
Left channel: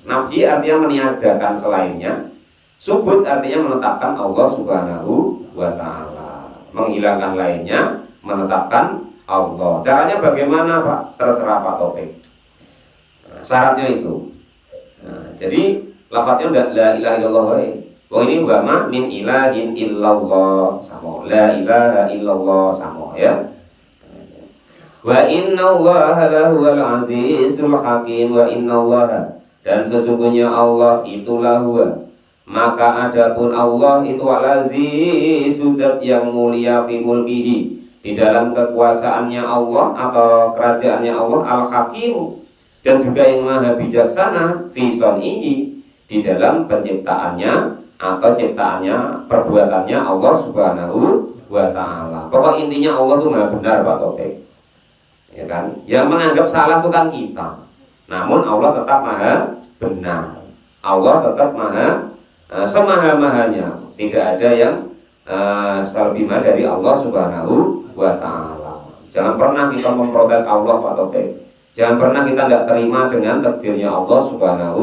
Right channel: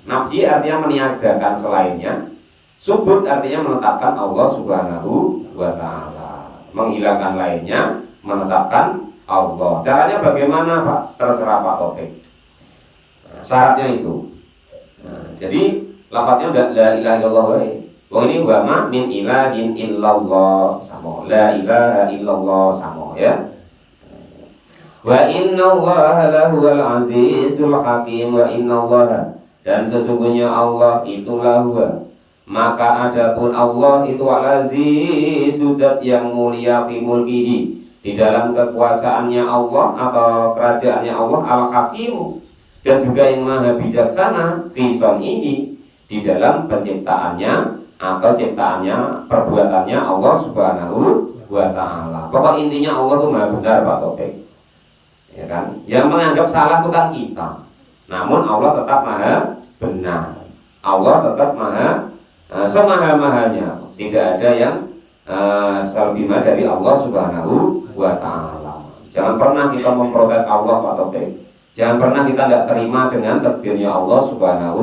Nafyi artinya meniadakan selainnya, subut artinya menetapkan Allah Subhanahu wa ta'ala, menghilangkan lainnya, menetapkan Allah. Caranya bagaimana Pak? Terserah Pak Topik. Syaratnya itu. Nah, jadi lafadznya la ilaha illallah, Wong ini wa ma min ilahin illallah sama. La ilaha illallah sama ya. Wa inna allaha lahuwal azizul hakim. Wa inna allaha, dan sesungguhnya Allah itulah huwa, maka adapun Allah itu al-aziz, sudat yang mulia fi mulkihi, di dalam kekuasaannya Allah atau kerajaannya Allah, al-hakim, dan juga yang maha bijaksana fi sonihi, di dalam penciptaannya atau ciptaannya, perbuatannya Allah subhanahu wa ta'ala. Pokok intinya Allah itu maha benar Pak Taufik, ya kan? Yang menganggap salah itu kan kita, namun Allah tetap maha benar. Allah tetap maha semaha-mahanya, tidak ada yang lebih maha dari Allah subhanahu wa ta'ala. Jangan pernah kita memprotes Allah Pak Taufik. Jangan pernah kita tidak terima dengan takdirnya Allah subhanahu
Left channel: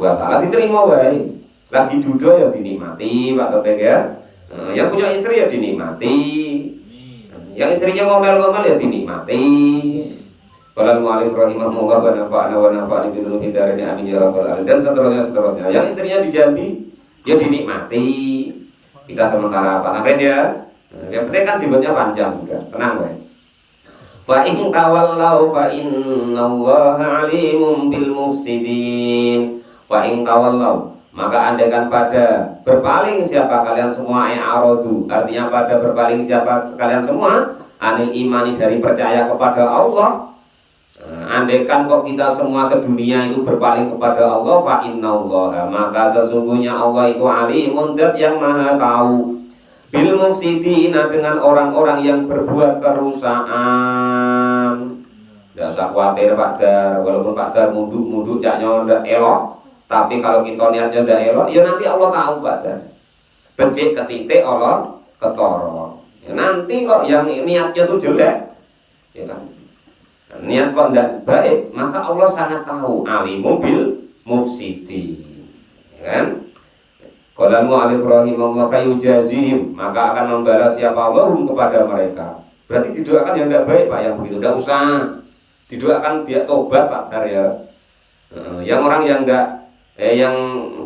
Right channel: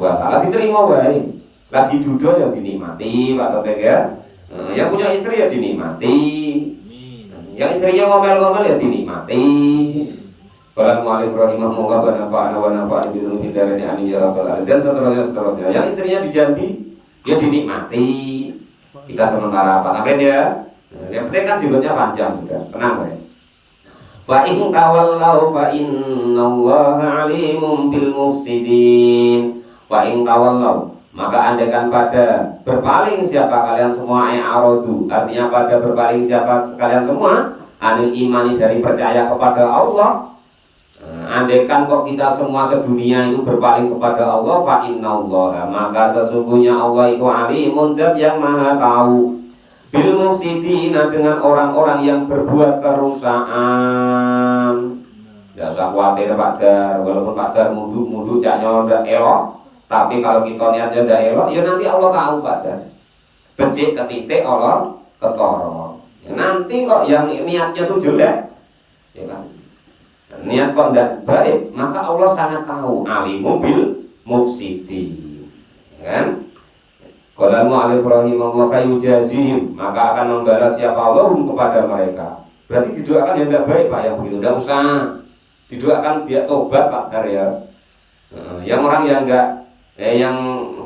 wa ta'ala. Diterima wae. Lagi duduk ya dinikmati Pak Taufik ya. Yang punya istri ya dinikmati. Yang istrinya ngomel-ngomel ya dinikmati. Qala al-mu'allif rahimahullah wa nafa'ana wa nafa'ana bi ulumi darini amin ya rabbal alamin, dan seterusnya. Yang istrinya dijambi ya dinikmati. Bisa sementara Pak Tamrin ya. Yang penting kan životnya panjang sudah. Tenang ya. Fa in tawallau fa innallaha alimun bil mufsidin. Fa in tawallau, maka andaikan pada berpaling siapa kalian semua, a'radu, artinya pada berpaling siapa kalian semua, anil imani, dari percaya kepada Allah. Andaikan kok kita semua sedunia itu berpaling kepada Allah, fa innallaha, maka sesungguhnya Allah itu alimun, dat yang maha tahu, bil mufsidina, dengan orang-orang yang berbuat kerusakan. Tidak usah khawatir Pak Dar, walaupun Pak Dar munduk-munduk caknya ndak elok, tapi kalau kita niatnya ndak elok, ya nanti Allah tahu Pak Dar. Becik ketitik Allah ketoro. Ya, nanti kok yang niatnya tuh jelek, ya kan? Niat kok ndak baik, maka Allah sangat tahu, alimul bil mufsidin, ya kan? Qala al-mu'allif rahimahullah fa yujazihim, maka akan membalas siapa Allah kepada mereka. Berarti didoakan yang tidak baik Pak, yang begitu tidak usah didoakan, biar tobat Pak Dar ya. Yang orang yang enggak yang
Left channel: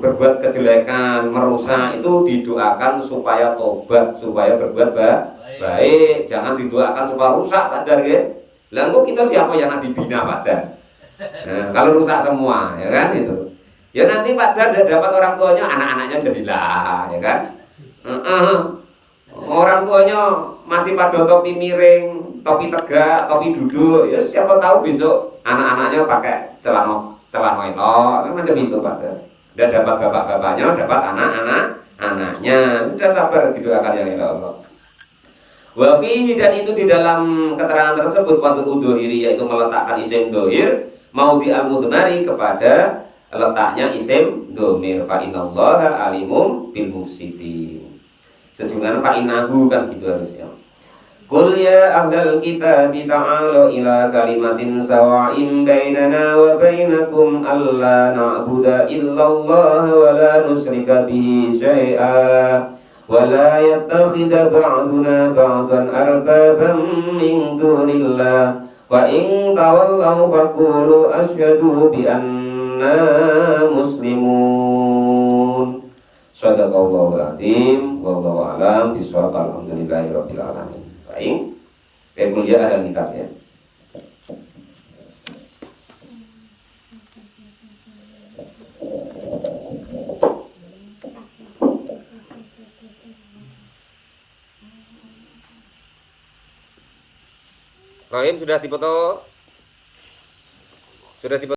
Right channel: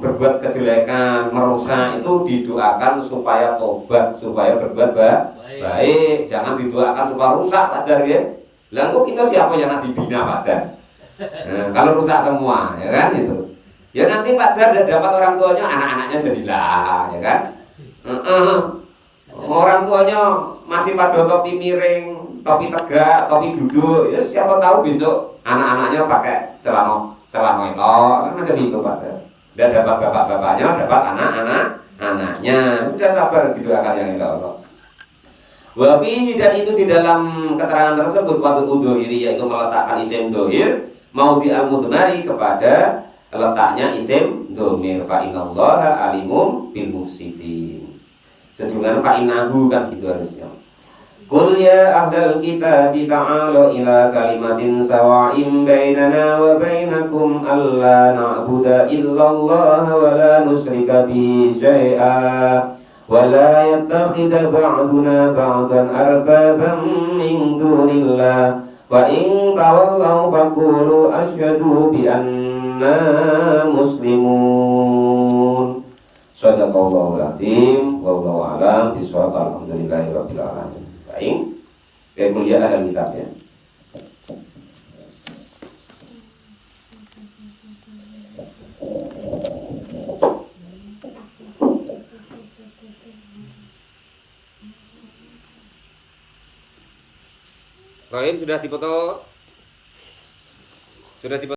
berbuat kejelekan, merusak, itu didoakan supaya tobat, supaya berbuat baik. Jangan didoakan supaya rusak Pak Dar ya. Lah kok kita siapa yang nak dibina Pak Dar? Kalau rusak semua ya kan itu. Ya nanti Pak Dar dapat orang tuanya, anak-anaknya jadilah, ya kan? Orang tuanya masih pada topi miring, topi tegak, topi duduk. Ya siapa tahu besok anak-anaknya pakai celana itu, kan macam itu Pak Dar. Dan dapat bapak-bapaknya, dapat anak-anaknya. Udah sabar gitu akan yang Allah. Wa fihi, dan itu di dalam keterangan tersebut, wadul udhiri, yaitu meletakkan isim dohir mau di al-mudmari, kepada letaknya isim domir, fa innallaha alimum bil mufsidin. Sejujurnya fa innahu kan gitu harusnya. Qul ya ahlal kitabi ta'alu ila kalimatin sawa'in bainana wa bainakum alla na'budu illallah wa la nusyrika bihi syai'a wa la yattakhidha ba'duna ba'dan arbaban min dunillah fa in tawallaw faqulu asyhadu bi muslimun. Shadaqallahul azim. Wallahu a'lam bishawab. Alhamdulillahirabbil alamin. Baik. Kayak kuliah ada kitabnya. Rahim sudah dipoto? Sudah dipoto?